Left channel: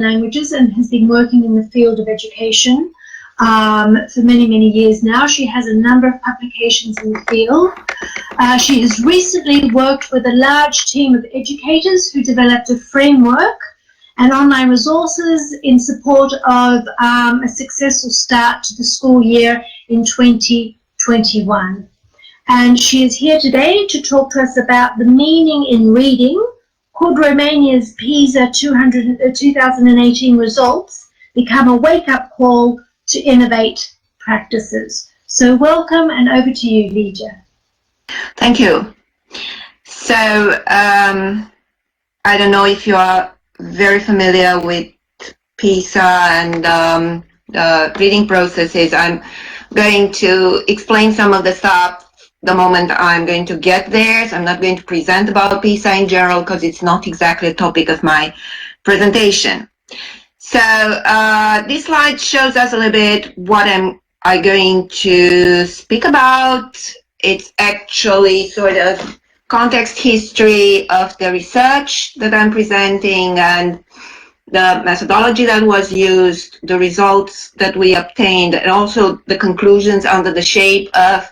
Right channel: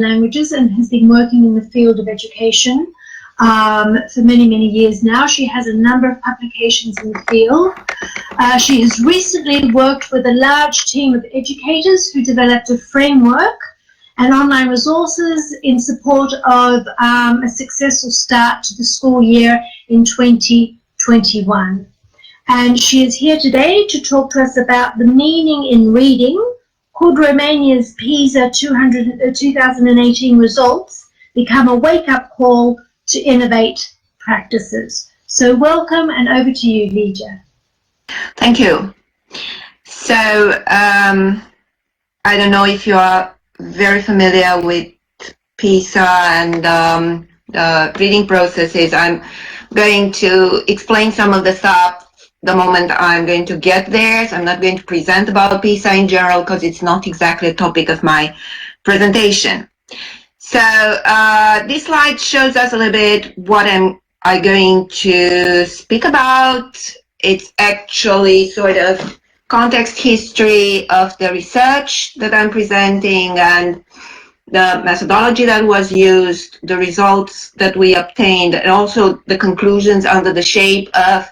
languages and has been working in the field of education for many, many years now. She has a number of publications in the field. She has recently worked with a large team of educators who developed a framework and online resources in support of a successful start to the school year in 2021. And she is here today to talk to us about the meaning in reading. Could Romania's PISA 2018 results become a wake-up call to innovate practices? So welcome, and over to you, Lidija. Thank you. So I don't know if you are very familiar with PISA and the reading processes. I'm going to explain some of the stuff the moment I'm going to get there. So I'm not going to present about PISA in general because it's not exactly a topic of my presentation. So this slide shows us a little bit what I'm going to speak about. It's actually sort of context history of the research that I'm presenting and the methodology that was used, the results that we obtained, and also the conclusions under the shape of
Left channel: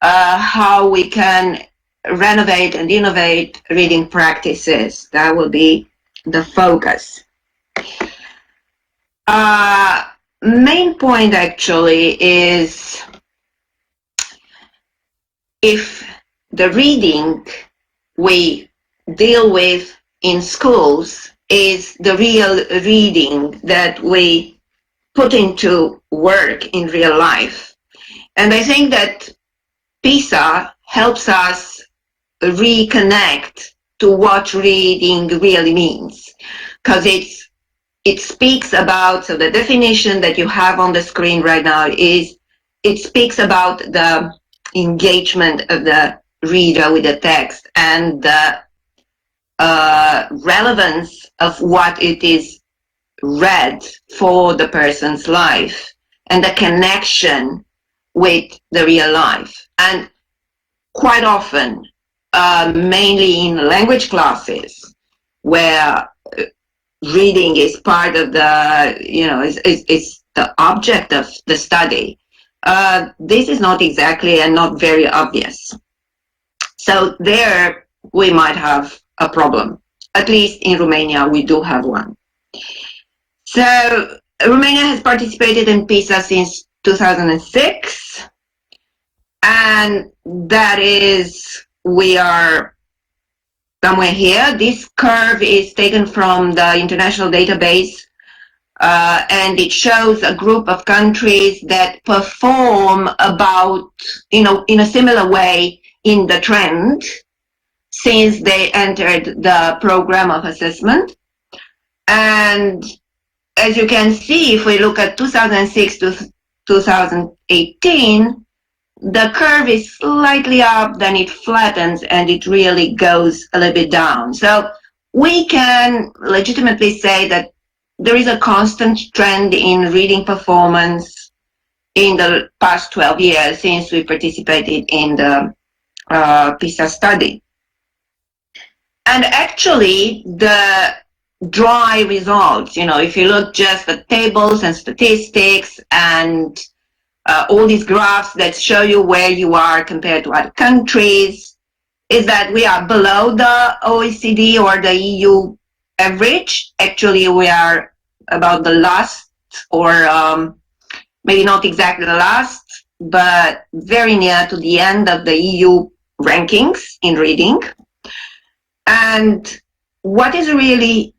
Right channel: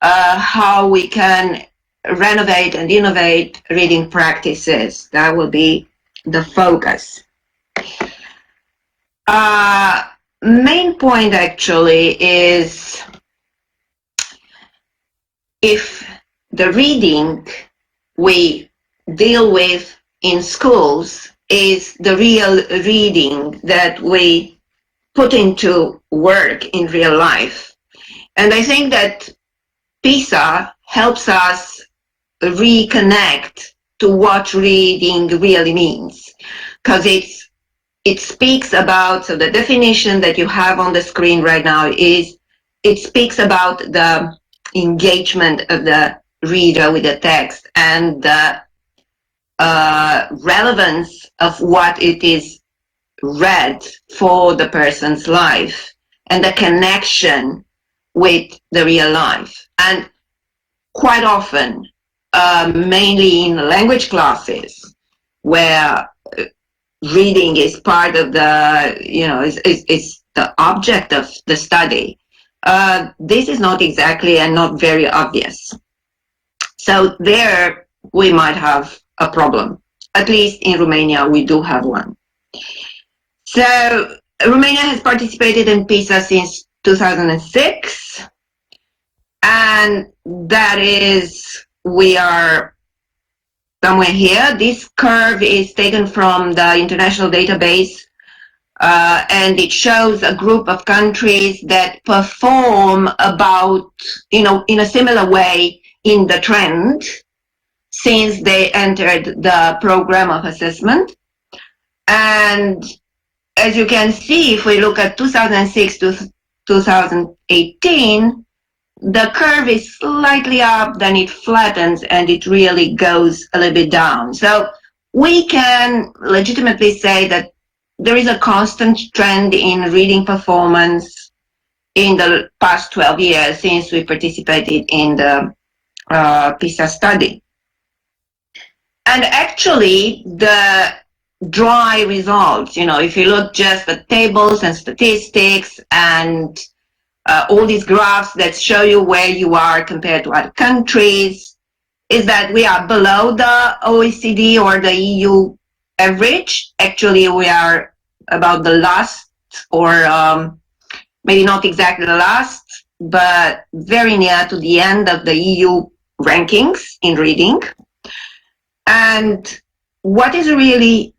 how we can renovate and innovate reading practices. That will be the focus. Main point actually is if the reading we deal with in schools is the real reading that we put into work in real life. And I think that PISA helps us reconnect to what reading really means, because it speaks about, so the definition that you have on the screen right now is, it speaks about the engagement of the reader with the text and the relevance of what it is read for the person's life and the connection with the real life. And quite often, mainly in language classes, where reading is part of the, is the object of the study, this is not exactly and not very obvious. So there we might have a problem. At least in Romania, we do have one. So Romania has participated in PISA since 2006. And that is, we are somewhere here. This curve is taken from the international database, and it shows a group of countries that perform about, in a similar way in the trend since they entered the program of assessment. And as you can see, if we look at 2006 to 2018, the curve is slightly up, then it flattens, and it really goes a little bit down. So we can legitimately say that there is a constant trend in reading performance in the past 12 years since we participated in the PISA study. And actually, the dry results, if you look just at tables and statistics and all these graphs that show you where you are compared to other countries, is that we are below the OECD or the EU average. Actually, we are about the last, or maybe not exactly the last, but very near to the end of the EU rankings in reading. And what is really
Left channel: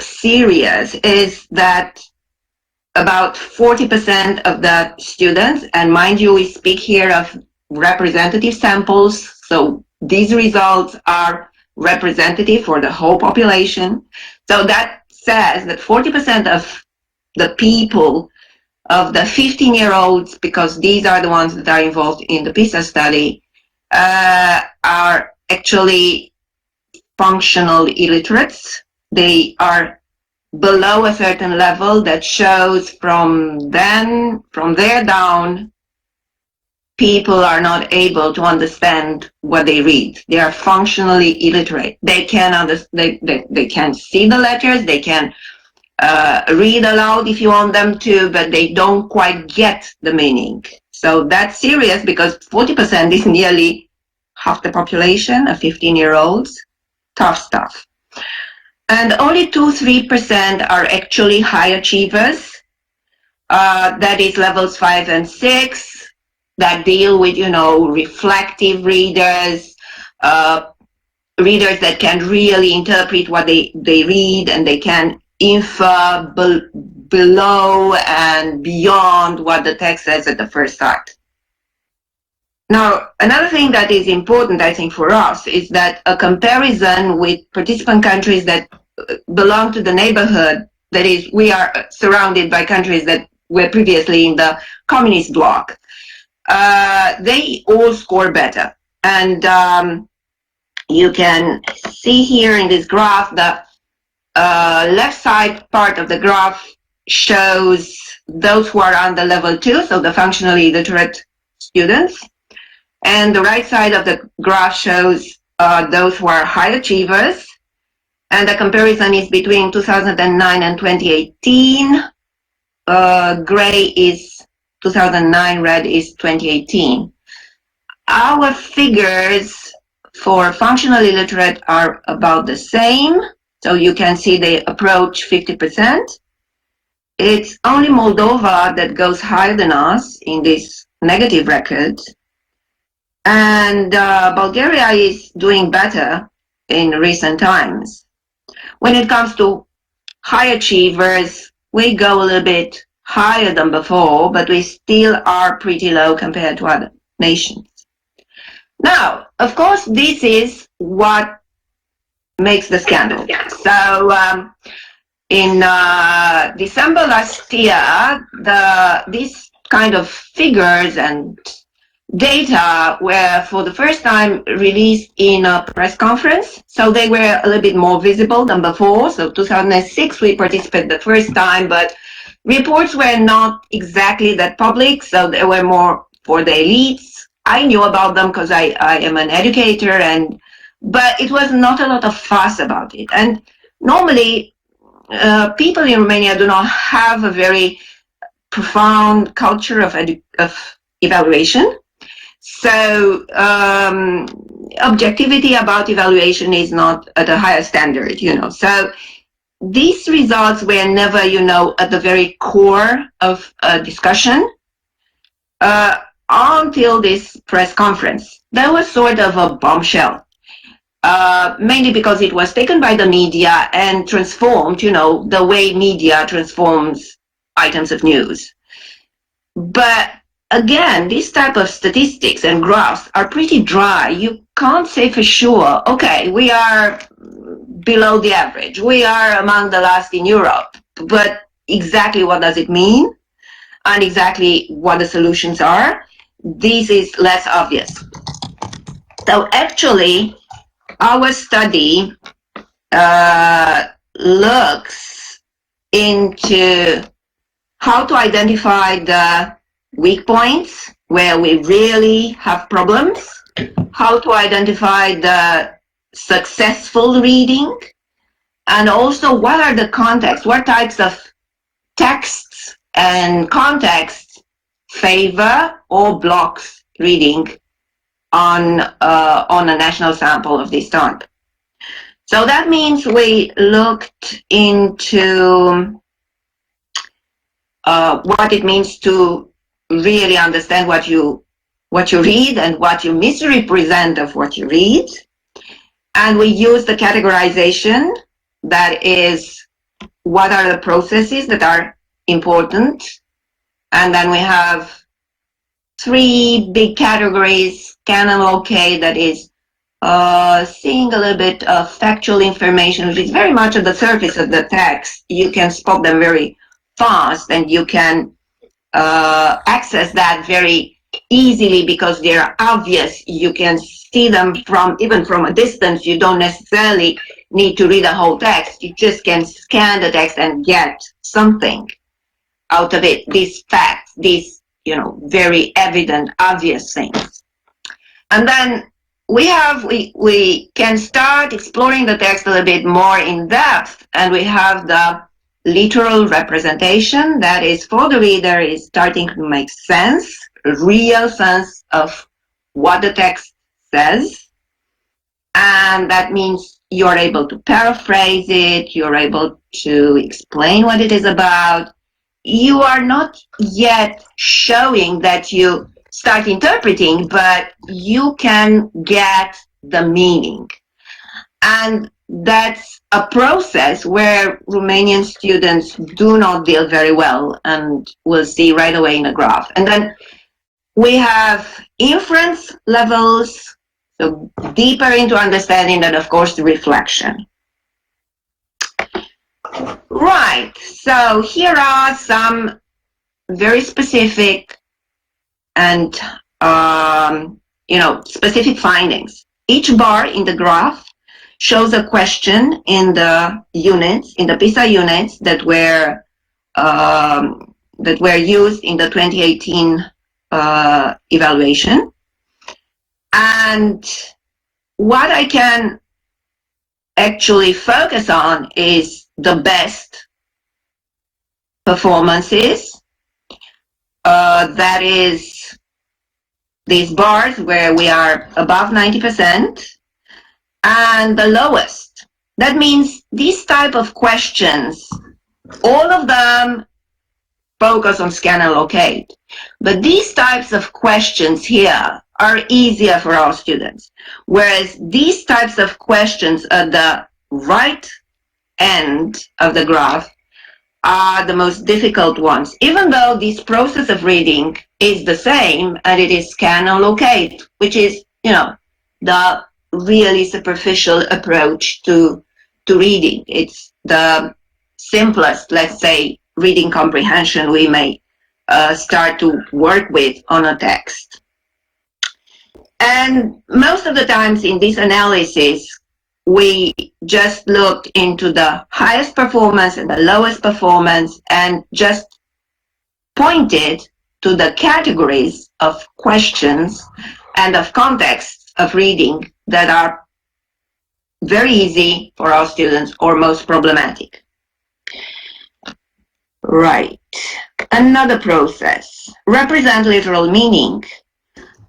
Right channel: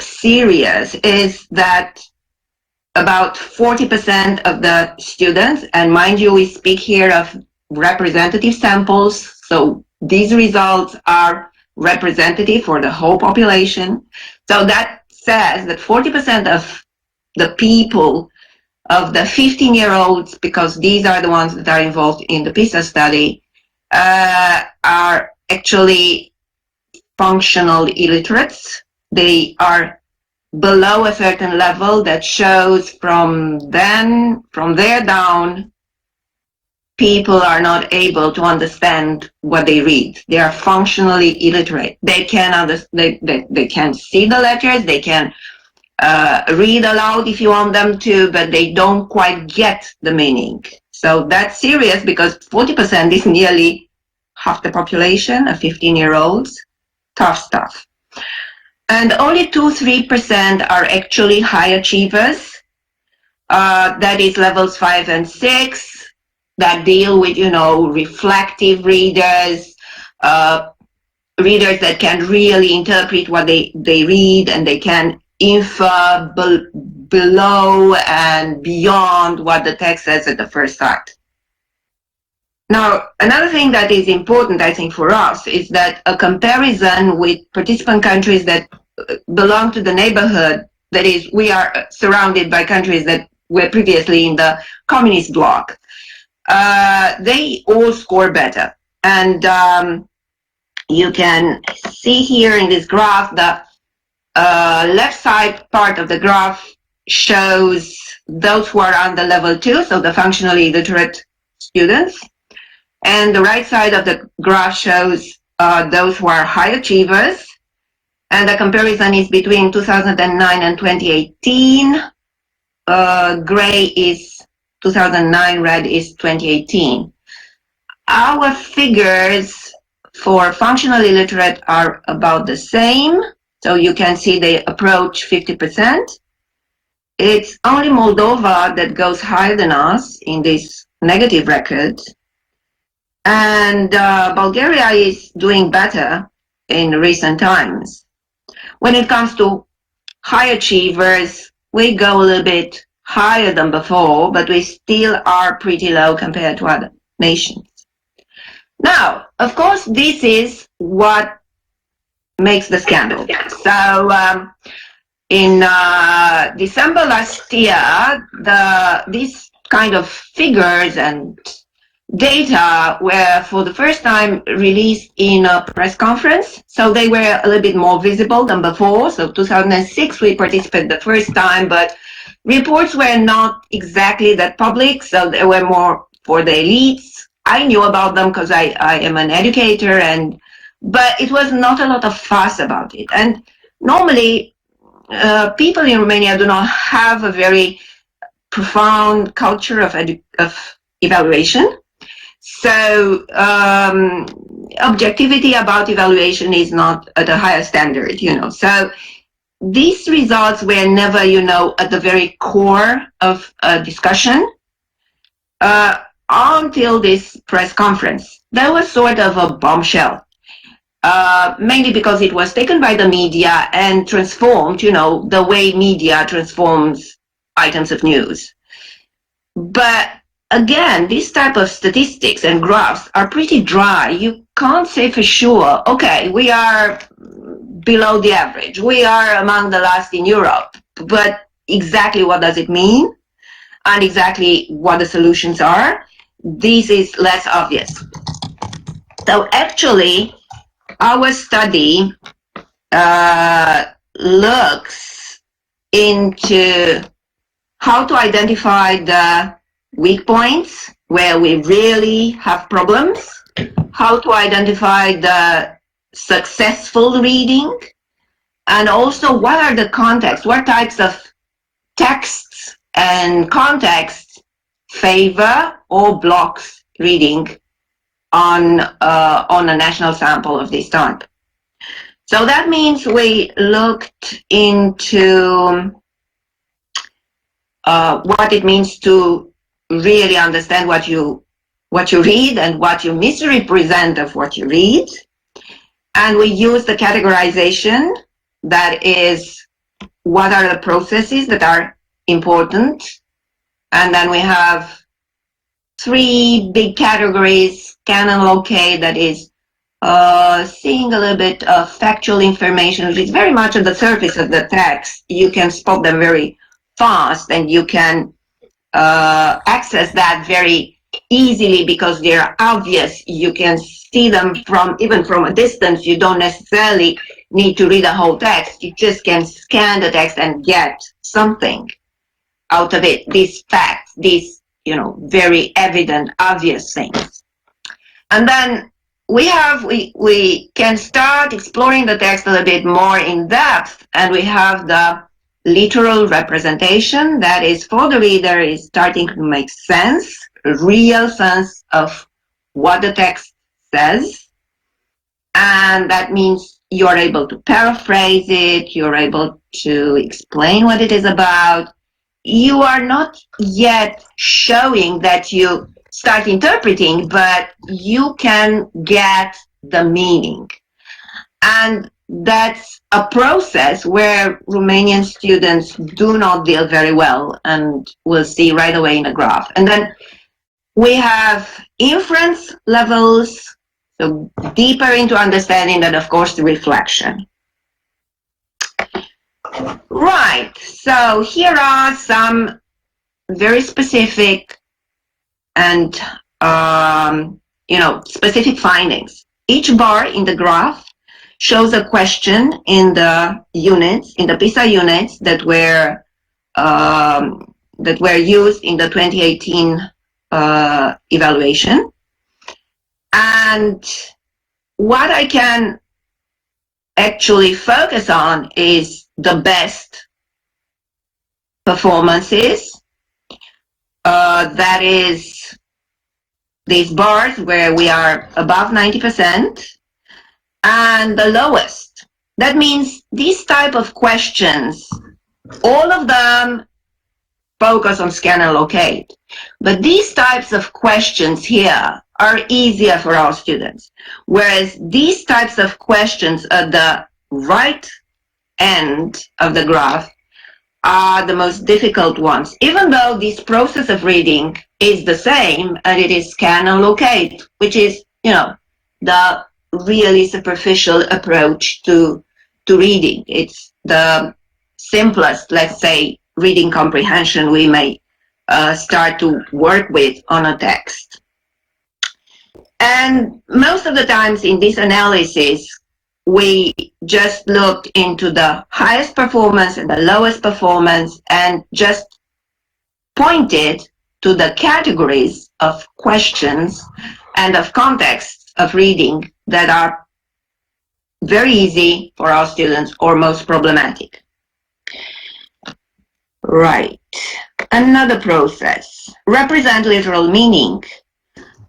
serious is that about 40% of the students, and mind you, we speak here of representative samples, so these results are representative for the whole population. So that says that 40% of the people, of the 15-year-olds, because these are the ones that are involved in the PISA study, are actually functional illiterates. They are below a certain level that shows from there down, people are not able to understand what they read. They are functionally illiterate. They can they can see the letters, they can read aloud if you want them to, but they don't quite get the meaning. So that's serious because 40% is nearly half the population of 15-year-olds. Tough stuff. And only 2-3% are actually high achievers. That is levels 5 and 6 that deal with, reflective readers, readers that can really interpret what they read, and they can infer below and beyond what the text says at the first sight. Now, another thing that is important, I think, for us is that a comparison with participant countries that belong to the neighborhood, that is, we are surrounded by countries that were previously in the communist bloc, they all score better. And you can see here in this graph, the left side part of the graph shows those who are under level 2, so the functionally illiterate students. And the right side of the graph shows those who are high achievers. And the comparison is between 2009 and 2018. Gray is 2009, red is 2018. Our figures for functional illiterate are about the same. So you can see they approach 50%. It's only Moldova that goes higher than us in this negative record. And Bulgaria is doing better in recent times. When it comes to high achievers, we go a little bit higher than before, but we still are pretty low compared to other nations. Now, of course, this is what makes the scandal. So in December last year, these kind of figures and data were for the first time released in a press conference. So they were a little bit more visible than before. So 2006, we participated the first time, but reports were not exactly that public. So they were more for the elites. I knew about them because I am an educator, but it was not a lot of fuss about it. And normally, people in Romania do not have a very profound culture of evaluation. So objectivity about evaluation is not at a higher standard, So these results were never, at the very core of a discussion until this press conference. That was sort of a bombshell, mainly because it was taken by the media and transformed, the way media transforms items of news. But again, this type of statistics and graphs are pretty dry. You can't say for sure, okay, we are below the average. We are among the last in Europe. But exactly what does it mean? And exactly what the solutions are? This is less obvious. So actually, our study looks into how to identify the weak points where we really have problems, how to identify the successful reading, and also what are the contexts, what types of texts and contexts favor or blocks reading on a national sample of this type. So that means we looked into what it means to really understand what you read and what you misrepresent of what you read. And we use the categorization, that is, what are the processes that are important. And then we have 3 big categories: can and locate, that is seeing a little bit of factual information, which is very much at the surface of the text. You can spot them very fast, and you can access that very easily because they're obvious. You can see them even from a distance. You don't necessarily need to read the whole text. You just can scan the text and get something out of it. These facts, these very evident, obvious things. And then we can start exploring the text a little bit more in depth, and we have the literal representation, that is, for the reader, is starting to make sense, real sense of what the text says. And that means you're able to paraphrase it, you're able to explain what it is about. You are not yet showing that you start interpreting, but you can get the meaning. And that's a process where Romanian students do not deal very well, and we'll see right away in the graph. And then we have inference levels, so deeper into understanding, and of course the reflection. Right, so here are some very specific and specific findings. Each bar in the graph shows a question in the units, in the PISA units that were used in the 2018 evaluation. And what I can actually focus on is the best performances. That is these bars where we are above 90%, and the lowest. That means these type of questions, all of them focus on scan and locate. But these types of questions here are easier for our students. Whereas these types of questions at the right end of the graph are the most difficult ones, even though this process of reading is the same, and it is scan and locate, which is, the really superficial approach to reading. It's the simplest, let's say, reading comprehension we may start to work with on a text. And most of the times in this analysis, we just looked into the highest performance and the lowest performance and just pointed to the categories of questions and of contexts of reading that are very easy for our students or most problematic. Right. Another process, represent literal meaning.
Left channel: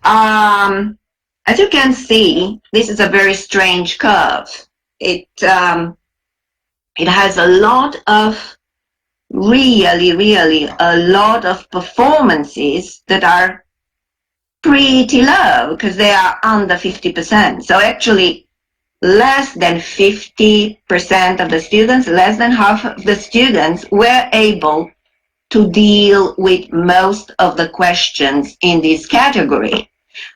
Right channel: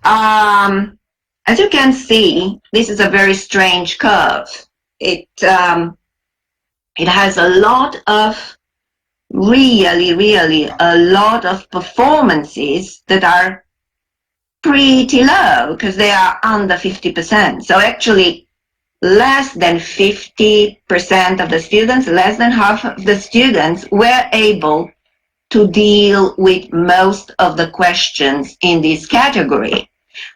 As you can see, this is a very strange curve. It has a lot of, really a lot of performances that are pretty low because they are under 50%. So actually, less than 50% of the students, less than half of the students were able to deal with most of the questions in this category,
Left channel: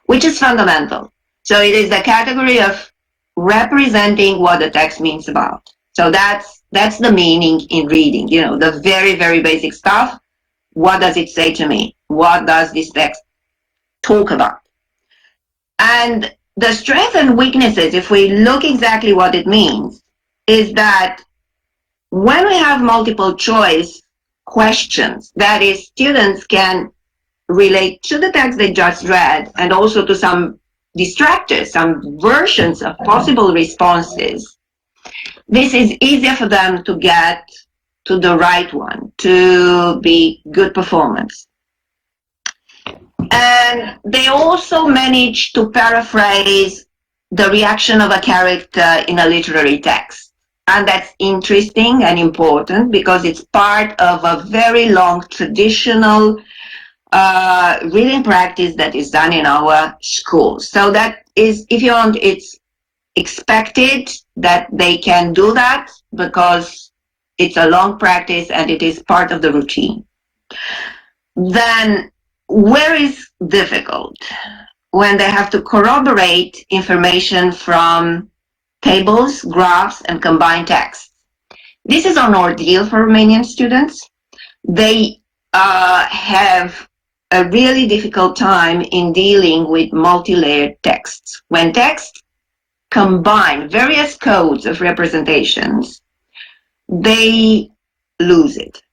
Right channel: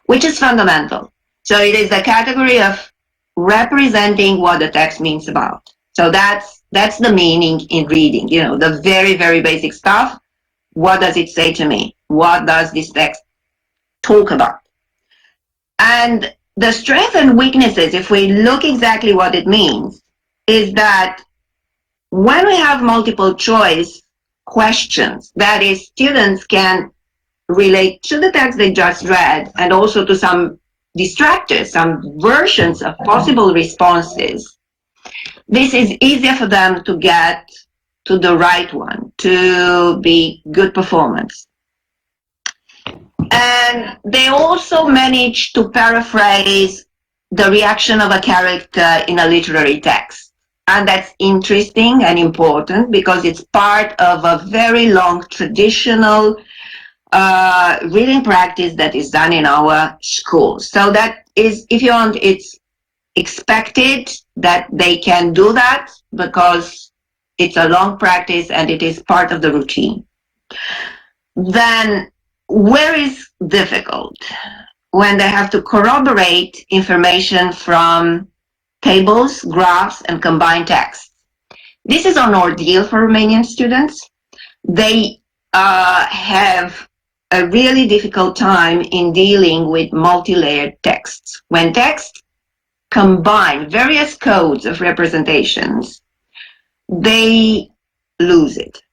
which is fundamental. So it is the category of representing what the text means about. So that's the meaning in reading, the very, very basic stuff. What does it say to me? What does this text talk about? And the strengths and weaknesses, if we look exactly what it means, is that when we have multiple choice questions, that is, students can relate to the text they just read and also to some distractors, some versions of possible responses, this is easier for them to get to the right one, to be good performance. And they also manage to paraphrase the reaction of a character in a literary text. And that's interesting and important because it's part of a very long traditional reading practice that is done in our schools. So that is, if you want, it's expected that they can do that because it's a long practice and it is part of the routine. Then where is difficult? When they have to corroborate information from tables, graphs, and combined text. This is an ordeal for Romanian students. They have a really difficult time in dealing with multi-layered texts. When texts combine various codes of representations, they lose it.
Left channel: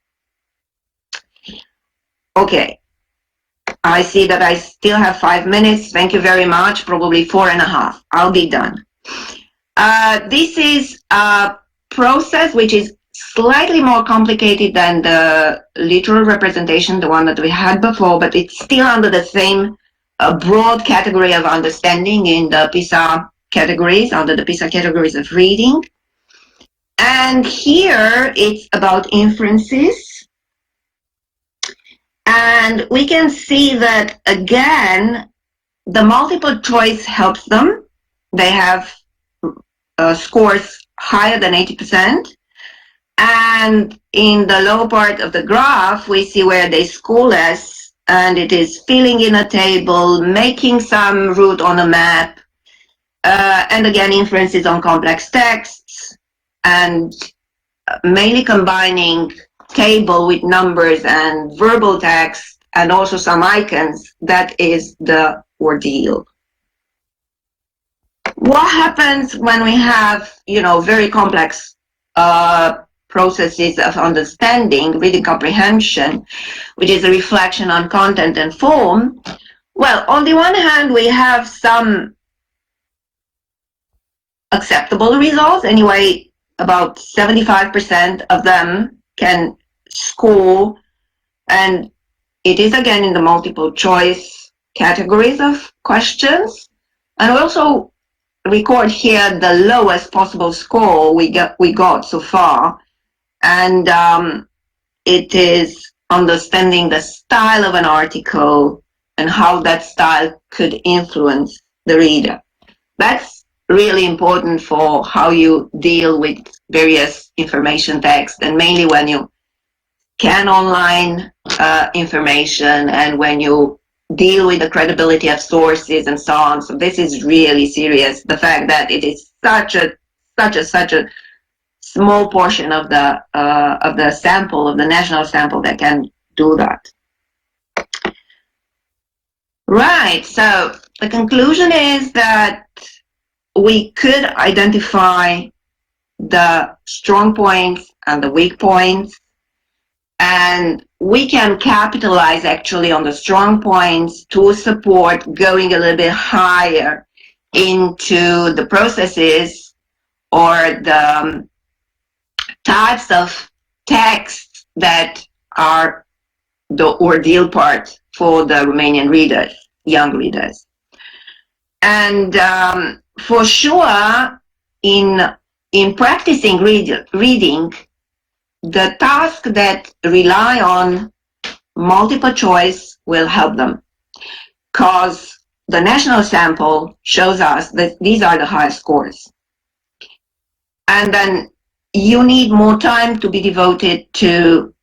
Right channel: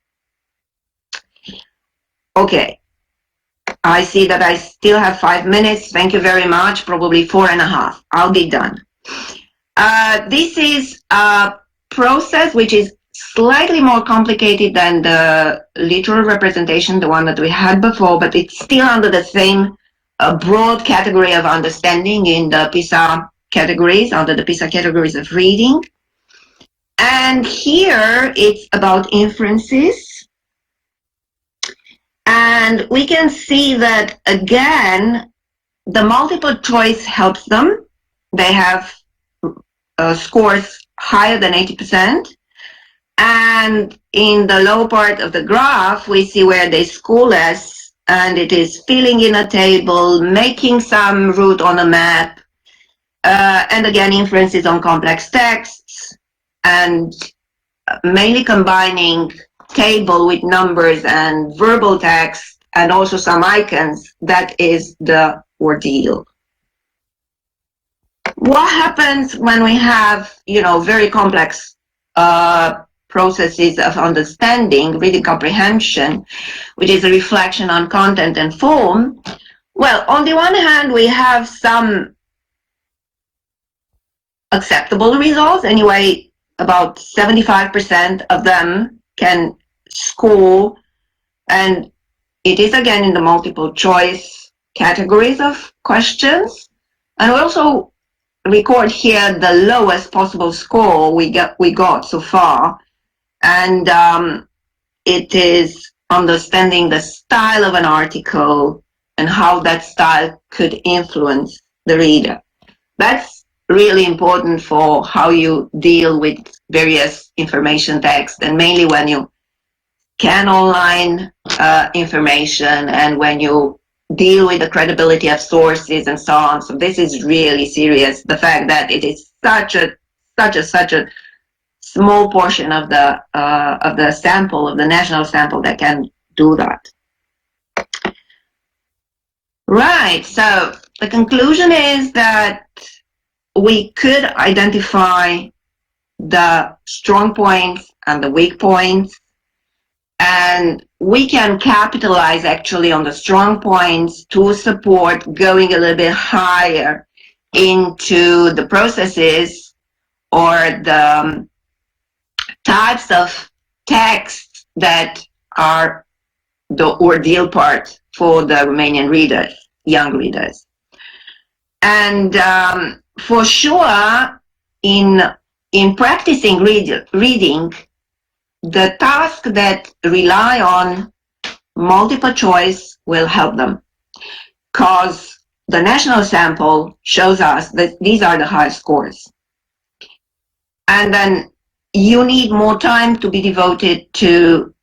Okay. I see that I still have 5 minutes. Thank you very much. Probably 4.5. I'll be done. This is a process which is slightly more complicated than the literal representation, the one that we had before, but it's still under the same broad category of understanding in the PISA categories, under the PISA categories of reading. And here it's about inferences. And we can see that, again, the multiple choice helps them. They have scores higher than 80%. And in the lower part of the graph, we see where they score less, and it is filling in a table, making some route on a map, and again, inferences on complex texts, and mainly combining table with numbers and verbal text, and also some icons. That is the ordeal. What happens when we have, very complex processes of understanding, reading comprehension, which is a reflection on content and form? Well, on the one hand, we have some acceptable results. Anyway, about 75% of them can score, and it is again in the multiple choice categories of questions. And we also record here the lowest possible score we got so far. And it is understanding the style of an article and how that style could influence the reader. That's really important for how you deal with various information texts, and mainly when you scan online information and when you deal with the credibility of sources and so on. So this is really serious. The fact that it is such a small portion of the sample, of the national sample, that can do that. Right, so the conclusion is that we could identify the strong points and the weak points, and we can capitalize actually on the strong points to support going a little bit higher into the processes or the types of texts that are the ordeal part for the Romanian readers, young readers. And for sure, in practicing reading, the tasks that rely on multiple choice will help them, because the national sample shows us that these are the highest scores. And then you need more time to be devoted to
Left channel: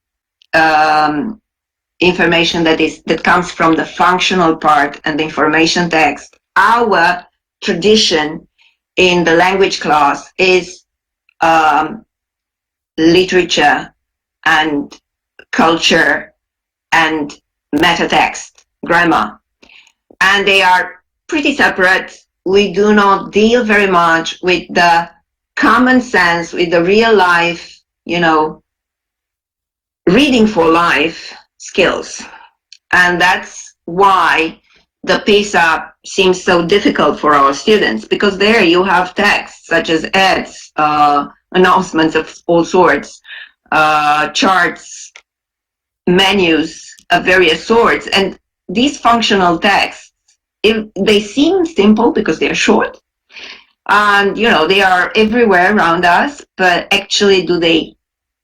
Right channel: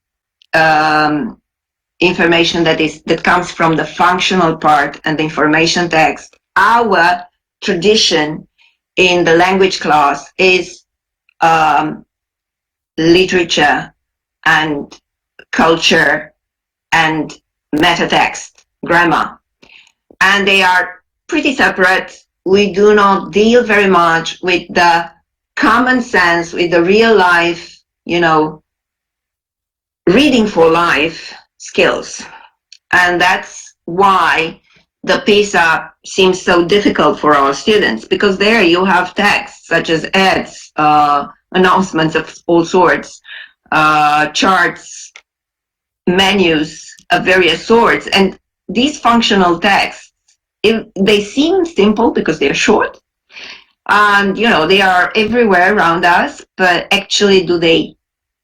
information that comes from the functional part and the information text. Our tradition in the language class is literature and culture and meta text, grammar. And they are pretty separate. We do not deal very much with the common sense, with the real life, reading for life skills. And that's why the PISA seems so difficult for our students, because there you have texts such as ads, announcements of all sorts, charts, menus of various sorts. And these functional texts, they seem simple because they're short, and they are everywhere around us, but actually, do they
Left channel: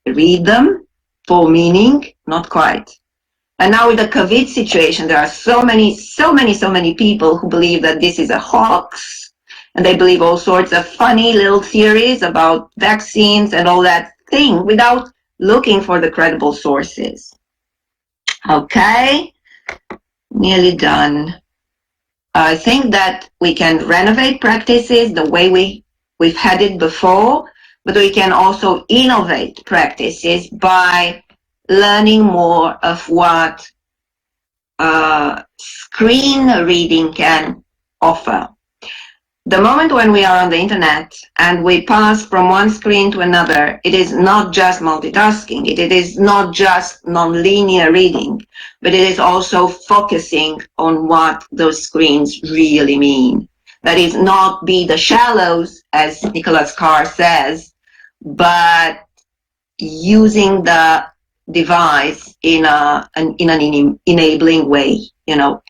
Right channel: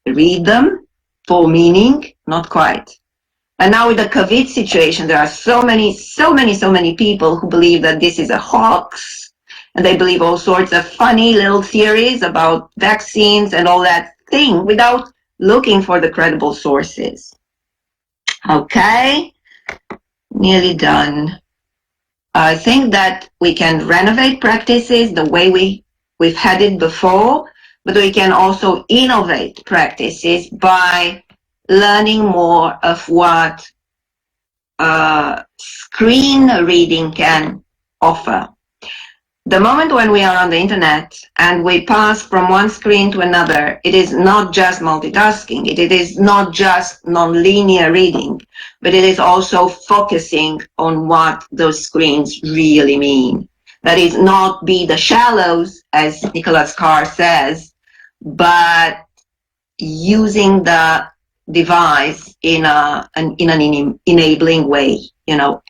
read them for meaning? Not quite. And now with the COVID situation, there are so many people who believe that this is a hoax, and they believe all sorts of funny little theories about vaccines and all that thing without looking for the credible sources. Okay, nearly done. I think that we can renovate practices the way we've had it before, but we can also innovate practices by learning more of what screen reading can offer. The moment when we are on the internet and we pass from one screen to another, it is not just multitasking, it is not just non-linear reading, but it is also focusing on what those screens really mean. That is, not be the shallows, as Nicholas Carr says, but using the device in an enabling way,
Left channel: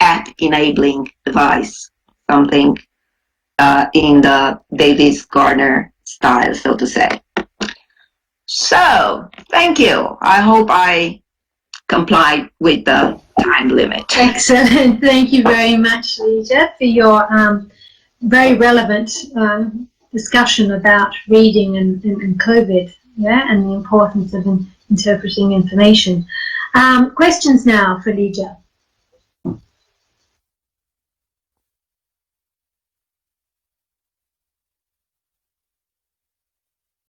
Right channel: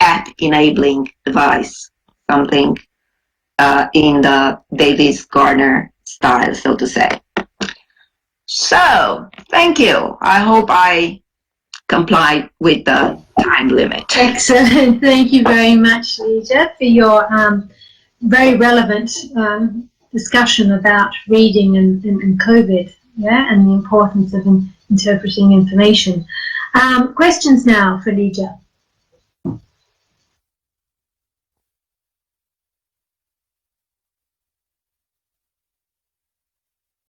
app enabling device, something in the Davis Gardner style, so to say. So, thank you. I hope I complied with the time limit. Excellent. Thank you very much, Lija, for your very relevant discussion about reading and COVID, and the importance of interpreting information. Questions now for Lija.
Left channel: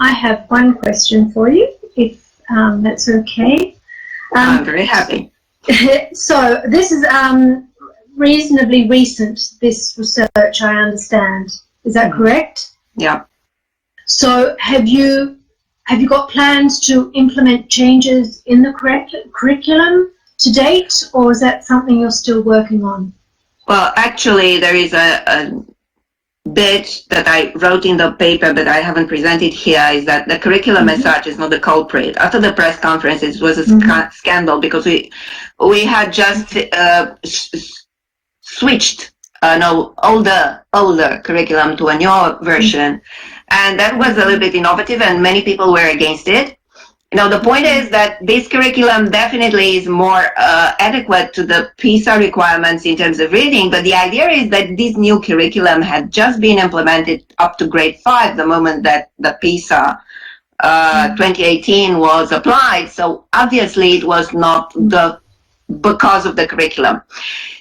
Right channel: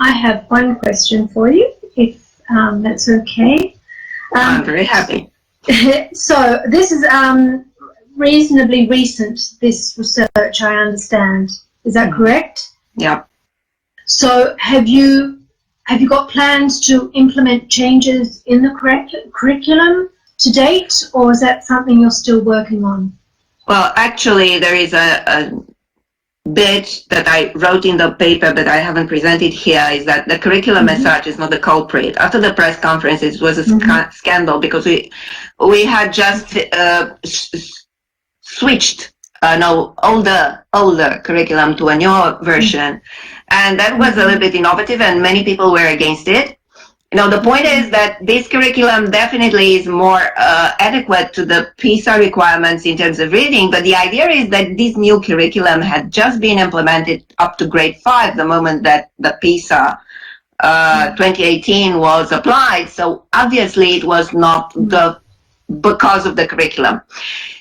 I have one question for you, if that's okay. I'm very happy. So this is reasonably recent, this research, I understand. Is that correct? Yeah. So have you got plans to implement changes in the curriculum to date, or is that something you're still working on? Well, actually, there is a bit that I wrote in the paper, but I haven't presented here, is that the curriculum as such is not the culprit. After the press conference, it was a scandal because we had just switched an older curriculum to a newer version, and that was a little bit innovative, and many people were against it. The point is that this curriculum definitely is more adequate to the PISA requirements in terms of reading, but the idea is that this new curriculum had just been implemented up to grade 5 the moment that the PISA 2018 was applied. So obviously it was not because of the curriculum.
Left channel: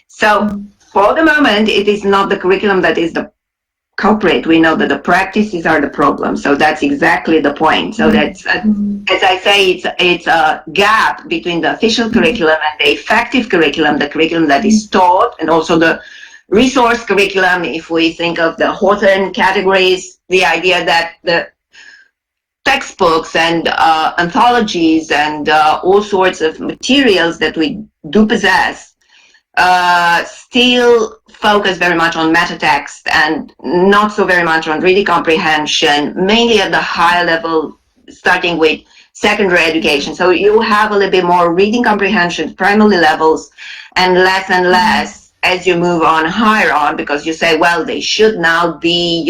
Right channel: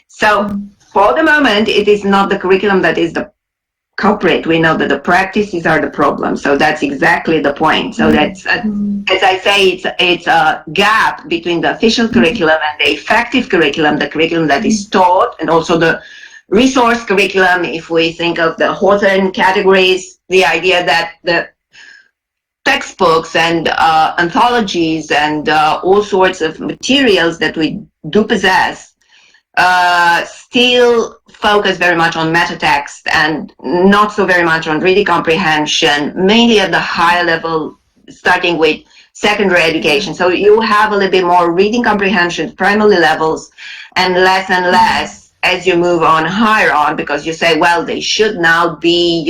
So for the moment, it is not the curriculum that is the culprit. We know that the practices are the problem. So that's exactly the point. So that's, as I say, it's a gap between the official curriculum and the effective curriculum, the curriculum that is taught, and also the resource curriculum. If we think of the Hawthorne categories, the idea that the textbooks and anthologies and all sorts of materials that we do possess still focus very much on meta text and not so very much on reading comprehension, mainly at the higher level, starting with secondary education. So you have a little bit more reading comprehension, primary levels, and less as you move on higher on, because you say, well, they should now be,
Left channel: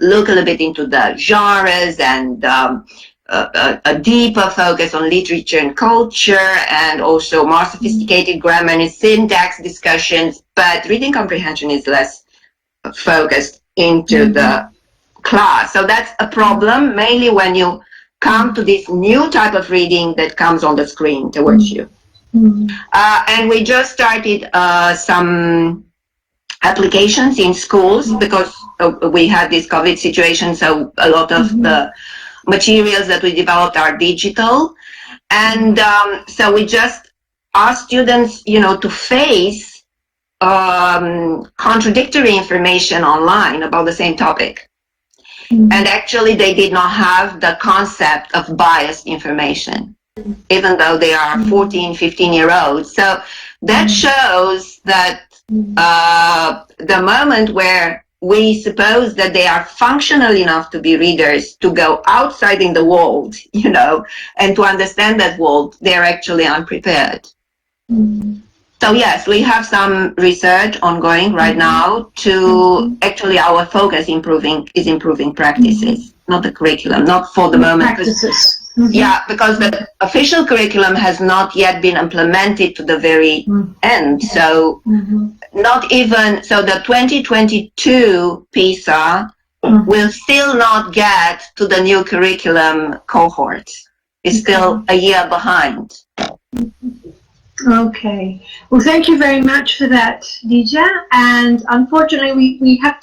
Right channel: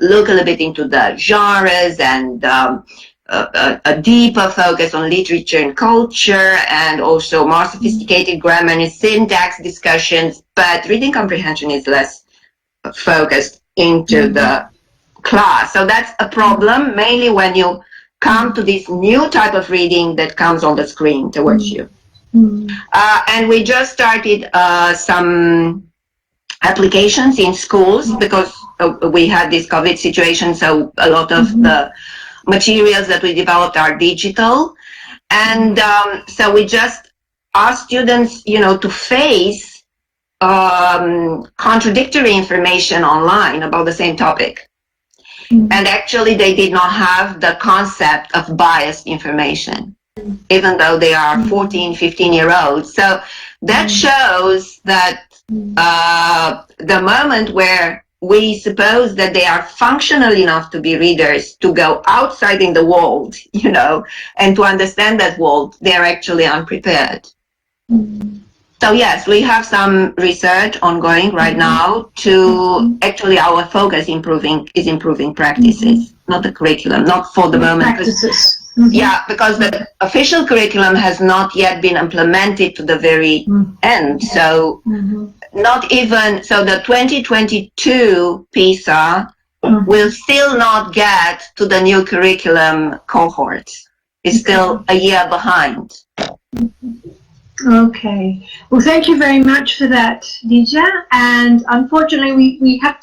look a little bit into the genres and a deeper focus on literature and culture, and also more sophisticated grammar and syntax discussions, but reading comprehension is less focused into the class. So that's a problem, mainly when you come to this new type of reading that comes on the screen towards you. And we just started some applications in schools because we had this COVID situation, so a lot of the materials that we developed are digital, and so we just ask students, to face contradictory information online about the same topic. And actually they did not have the concept of biased information, even though they are 14, 15-year-olds. So that shows that the moment where we suppose that they are functional enough to be readers, to go outside in the world, and to understand that world, they're actually unprepared. So yes, we have some research ongoing right now to actually our focus is improving practices, not the curriculum, not for the moment. Practices. Yeah, because the official curriculum has not yet been implemented to the very end. So not even, so the 2022 PISA will still not get to the new curriculum cohort. It's still a year behind. Okay. Well, thank you very much for that, Lija. And unfortunately, we have to